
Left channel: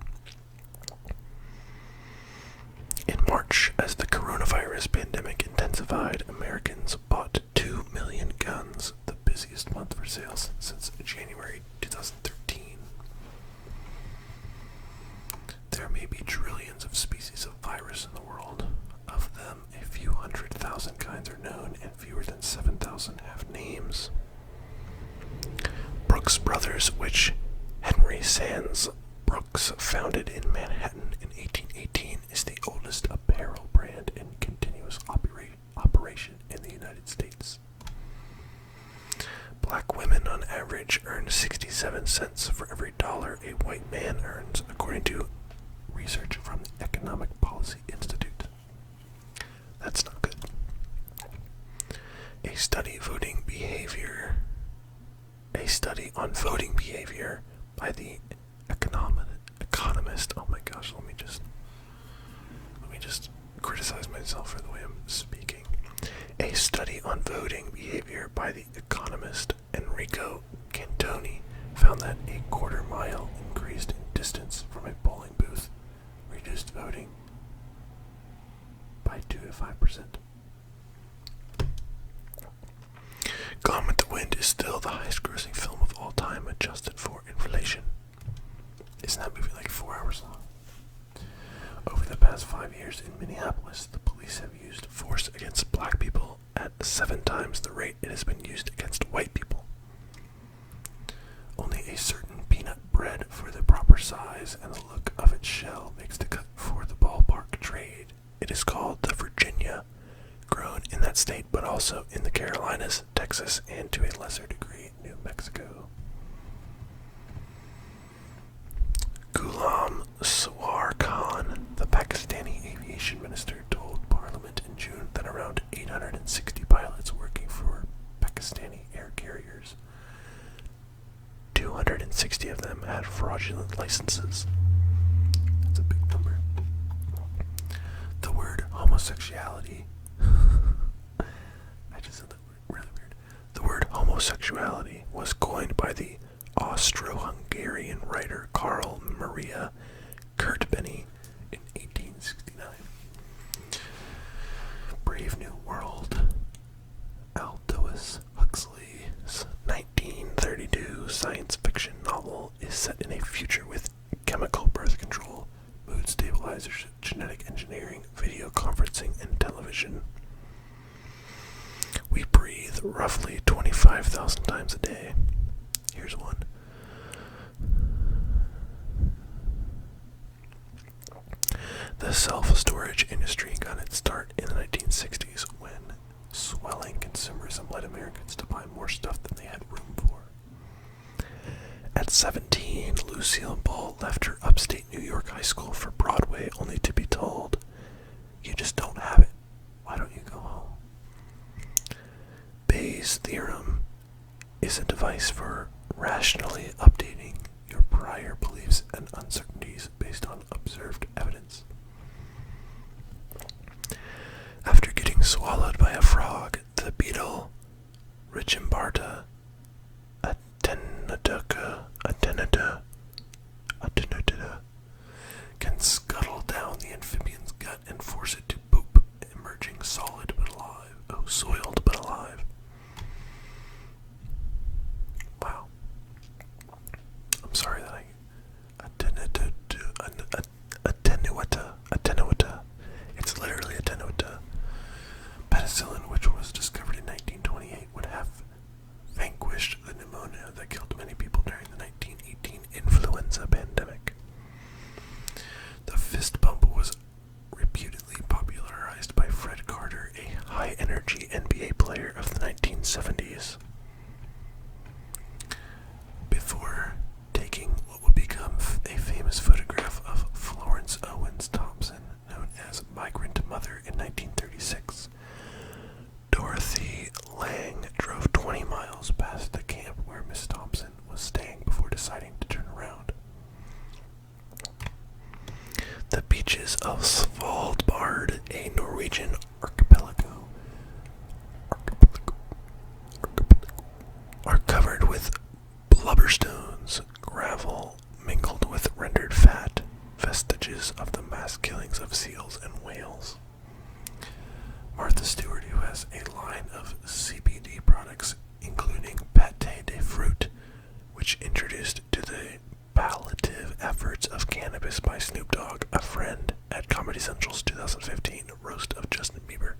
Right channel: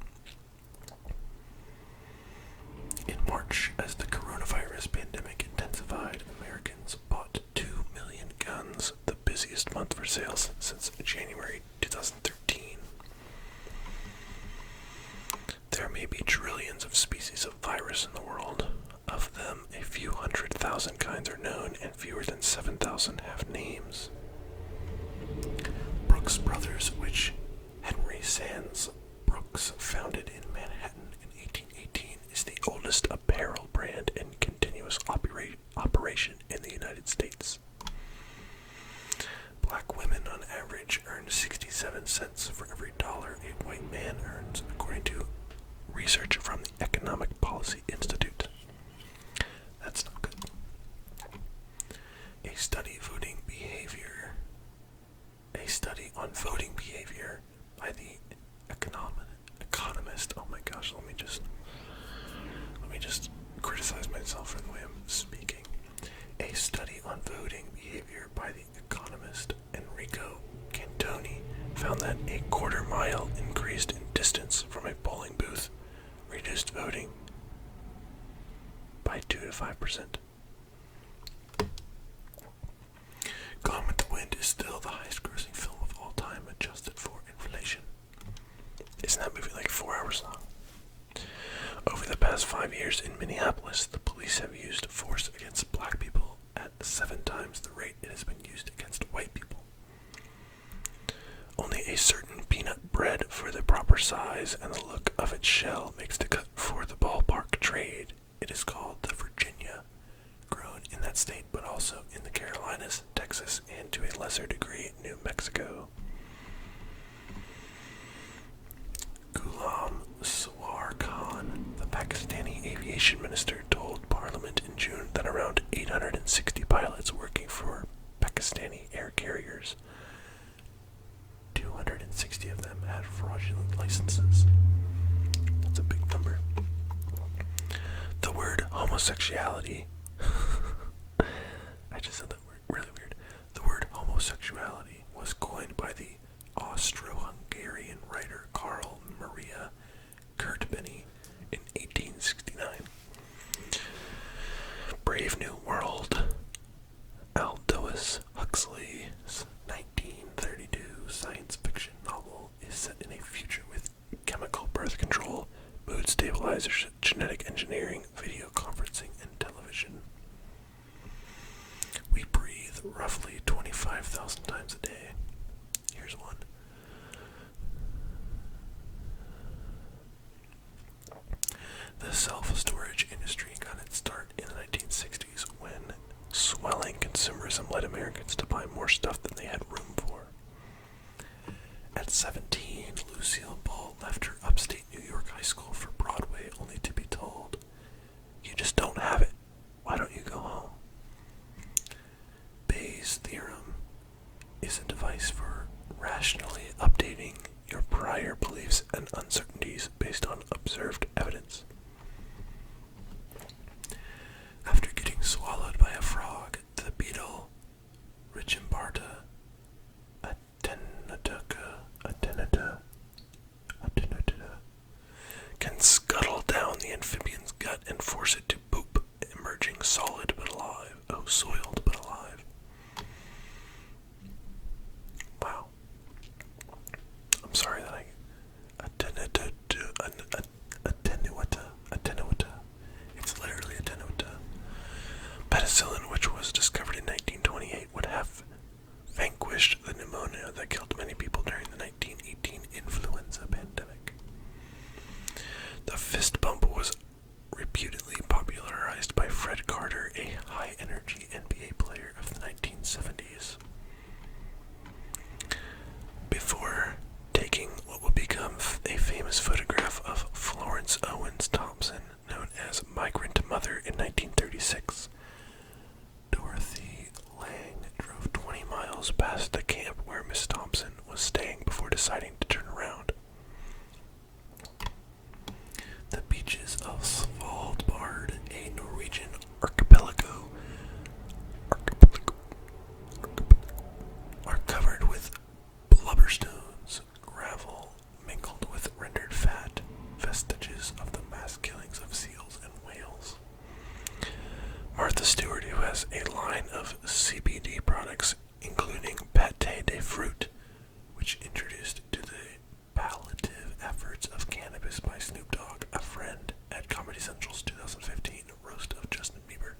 In March, as the coronavirus pandemic intensified, Americans bought 2 million guns, the busiest month for sales since January 2013. There may be trillions of species of virus in the world. Of them, a few 100,000 kinds are known, and fewer than 7,000 have names. Brooks Brothers, which Henry Sands Brooks founded in Manhattan in 1818, is the oldest apparel brand in continuous operation in the United States. Black women on average earn 67 cents for every dollar a white man earns, according to research from the Economic Policy Institute. That's not good. A study on voting behavior by the economist. Oh my gosh, let me just criticize myself for the way I'm speaking. A study on voting behavior by the economist Enrico Cantoni found that a quarter-mile increased in distance from a polling booth reduced voting by 2 to 5%. Gone with the Wind is still the highest-grossing film of all time, adjusted for inflation. Isn't that movie like 4 hours long? Over the past 5 years in Minneapolis, the police have used force against black people at 7 times the rate it has been used against white people. Only a certain peanut bread for the proper size and the look of its shell makes the cut for the ballpark trade. It is called the Virginia, grown in that state but also in the Carolinas, Texas, and to a lesser degree, New Mexico. Ghulam Sawar Khan, the Pakistani aviation minister, told Parliament in June that around 860 pilots working for Pakistani air carriers, 260 of them had fraudulent licenses. That's a big number. The word homosexuality I just said that word really weird. The word homosexuality was coined by the Austro-Hungarian writer Karl Maria Kertbeny in 1869. Brave New World. force it to poop, emerging solid but alive. Oh, soiled but alive. Wow. I'm sorry that I attenuata. It's literally attenuata. Penicillin, which was discovered in 1928, would have vanquished the pneumonia that killed many people during the 1918 influenza pandemic. The fist bump was reputedly popularized by Fred Carter, a high-energy NBA player of the 1970s. Before taking what would become a famous photograph of Florence Owens Thompson, known as Migrant Mother, in 1936, Dorothy Lang drove 20 miles past the camp where Miss Thompson was staying before deciding to turn around. The beaches of Svalbard, a Norwegian archipelago, are covered with blubberstones, gravel mingled with rendered fat, vestiges of the mass killings of seals and whales. Martha Stewart, who has a line of CBD products, including pâté de fruit, which introduced to the palliative efforts of cannabis by Snoop Dogg, a friend, at Comedy Central's 2015 roast of Justin Bieber.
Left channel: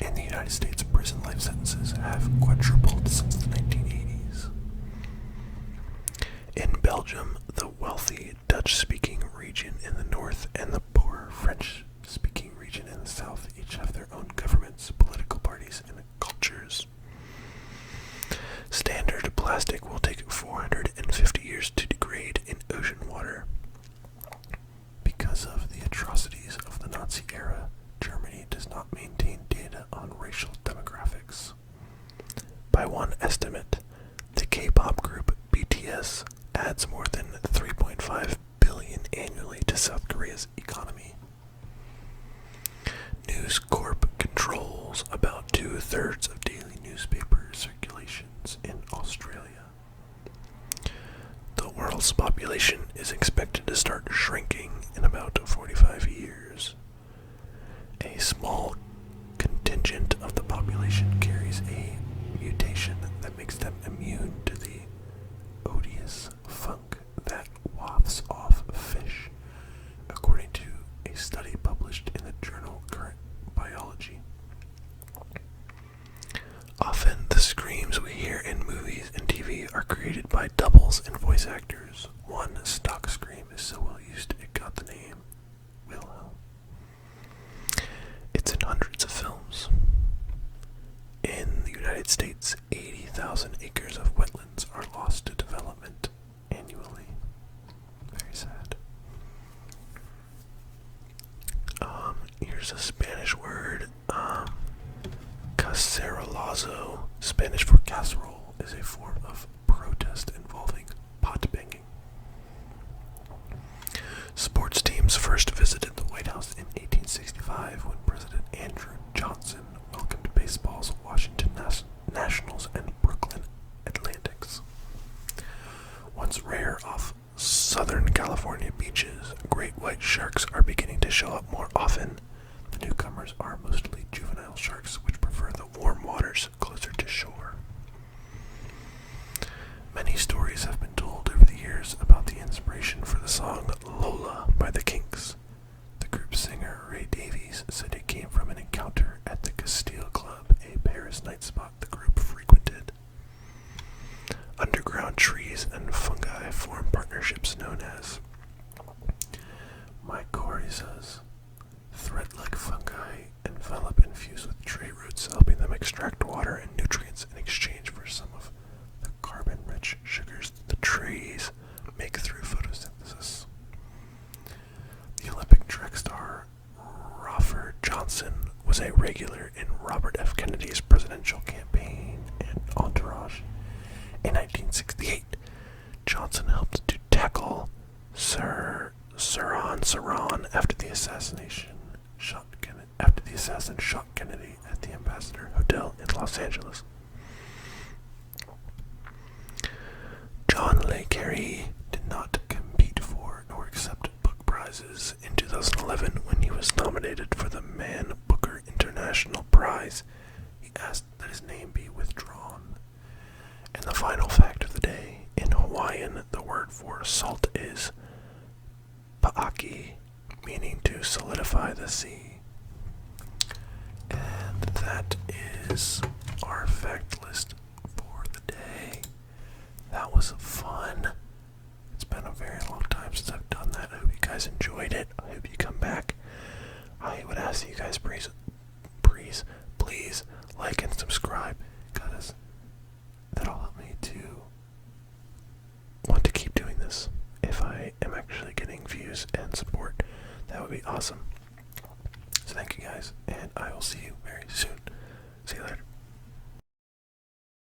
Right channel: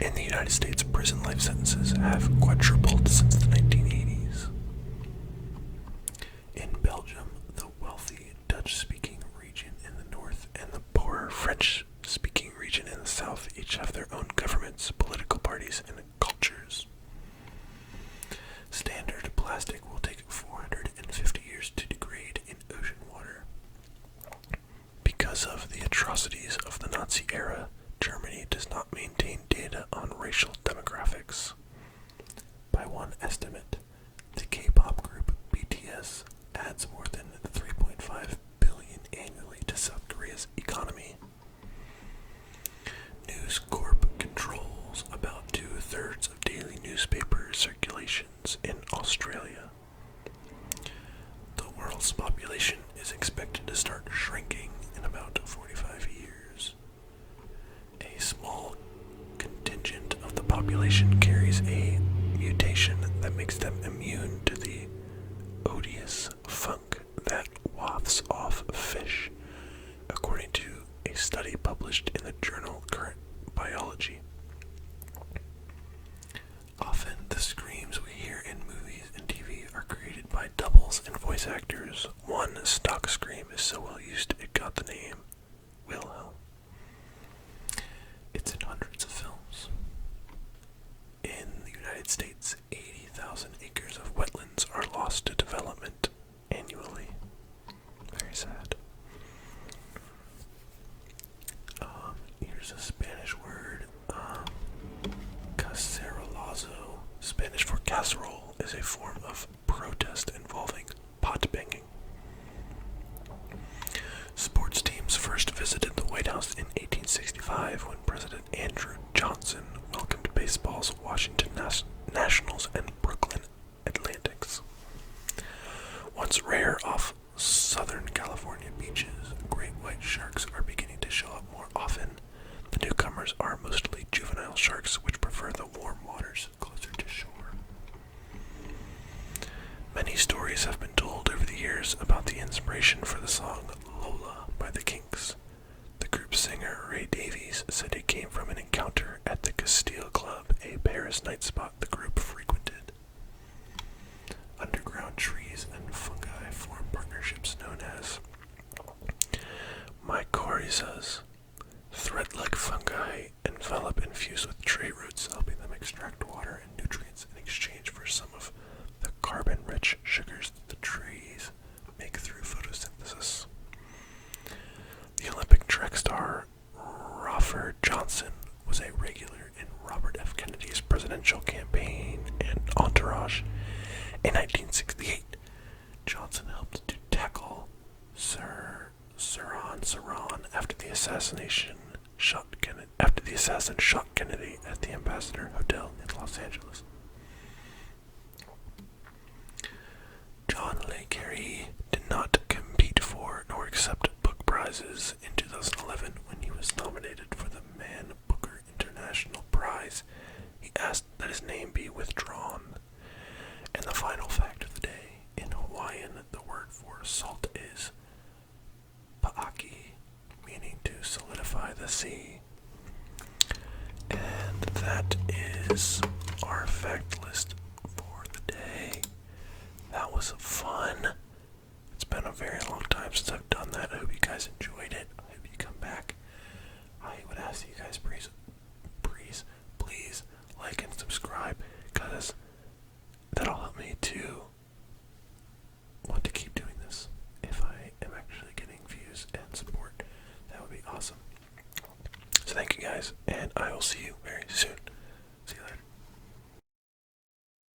In the United States, prison life sentences have quadrupled since the 1980s. In Belgium, the wealthy Dutch-speaking region in the north and the poorer French-speaking region in the south each have their own governments, political parties, and cultures. Standard plastic will take 450 years to degrade in ocean water. Because of the atrocities of the Nazi era, Germany does not maintain data on racial demographics. By one estimate, the K-pop group BTS adds more than $3.5 billion annually to South Korea's economy. News Corp controls about 2/3 of daily newspaper circulations in Australia. The world's population is expected to start shrinking in about 45 years. A small contingent of the population carries a mutation that makes them immune to the odious funk that wafts off fish, according to a study published in the journal Current Biology. Often, the screams we hear in movies and TV are created by doubles and voice actors. One stock scream is so well used it got the name Wilhelm. It's in hundreds of films. In the United States, 80,000 acres of wetlands are lost to development annually. Very sad. Here's a Spanish word. Cacerolazo, Spanish for casserole, is a form of protest involving pot banging. Sports teams first visited the White House in 1865 when President Andrew Johnson welcomed baseball's Washington Nationals and Brooklyn Atlantics. Once rare off Southern California beaches, great white sharks are beginning to show up more often. The newcomers are mostly juvenile sharks which prefer the warm waters closer to shore. Many stories have been told over the years about the inspiration for the song Lola by the Kinks. The group's singer Ray Davies said it came from an encounter at the Castile Club, a Paris night spot the group frequented. Underground trees and fungi form partnerships known as mycorrhizas. Thread-like fungi envelop and fuse with tree roots, helping them extract water and nutrients in exchange for some of the carbon-rich sugars the trees make through photosynthesis. The Olympic track star Raffer Johnson was a regular in Robert F. Kennedy's presidential campaign and entourage. In 1968, Johnson helped to tackle Saran after the assassin shot Kennedy at the Ambassador Hotel in Los Angeles. prizes in 2011 when he was nominated for the Man Booker International Prize. He asked that his name be withdrawn. And the final fact of the day, in Hawaiian, the word for salt is pa'aki, meaning to solidify the sea. And that is our fact list for the day. That was fun. It's been a very long time since I've done that. I hope you guys enjoyed it. I hope you come back. I would ask you guys please like and subscribe, because that'll help me to want to keep doing this. If I am actually getting views and support, that would be awesome. So thank you guys, and I will see you very soon. See you later.